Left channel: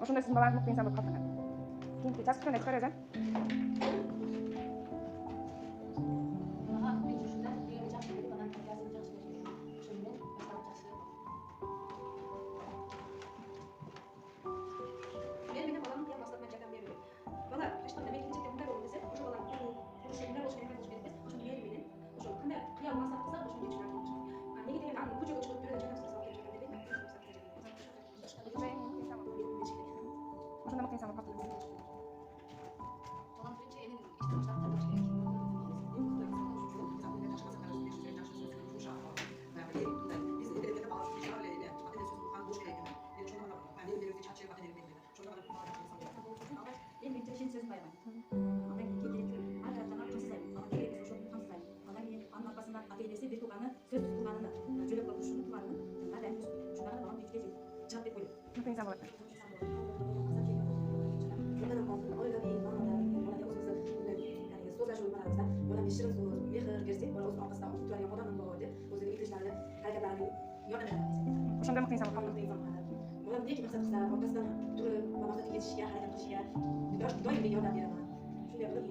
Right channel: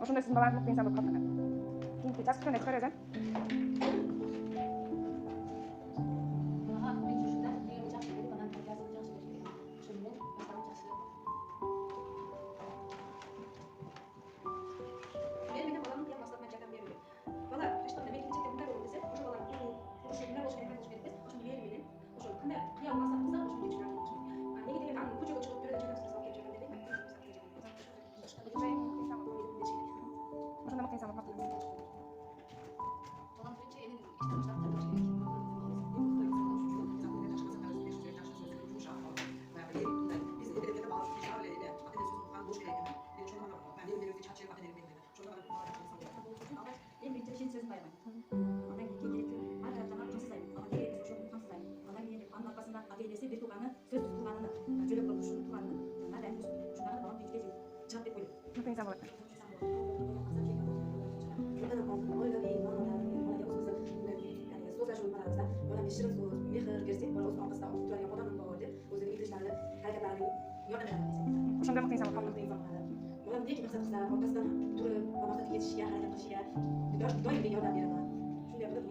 Ошондой сиздин балаңыз мыкты инсан болуп калыптыр. Кийинки жазгычтан эскер өзү. Ага, мен жүрүшүмдө деген жакшы берип, анан тергеясын жакшы берип берген. Ошо менен башталып жакшы. Мен менен баламдын кыял максатына жардам берүү. Бала ачтанда мен келечекте мындай болот десе, ошо баланын турушу мындай болуш керек, болуш керек деп, ошону мээри менен, ошо кандай кыял максат кылса, ошону жетишине аракет кылыш керек. Неге дегенде анын көчөгө чыгып бирөөдөн жардам сураса алып келип жардам бербейт, Ошондой эң мыкты инсан болуп. Ошондой мыкты инсан болуп калыптыр. баланы биринчи энин иштен баштап тартыш керек. Эң биринчи ишенч сөзүн аябайм. Андан кийин керектүү ар тараптан камсыздайм. Ага керек эсе ошону камсыздайм. Андан кийин анын аркасында ата энеси бир тууганы сөз кылганын, жөлөп көрүнүшүнүн тууганын ар дайым ушундагы балам биринчиден чыгат деп ойлойм. Мыкты инсан болот. Ona bir şirin söz, mehir versek, bana uzun arkasında tutulan yapadan bağırdı. Özünün ilişkilerinde hareketlerini yardım eden bir Ошондой мыкты инсан болуп калыптыр. Bana diyor ki maksat kısa, ortasından durup, maksatı yetişkiye, hareket kılışıya, doyum bir yardım verin. Şunu yapalım,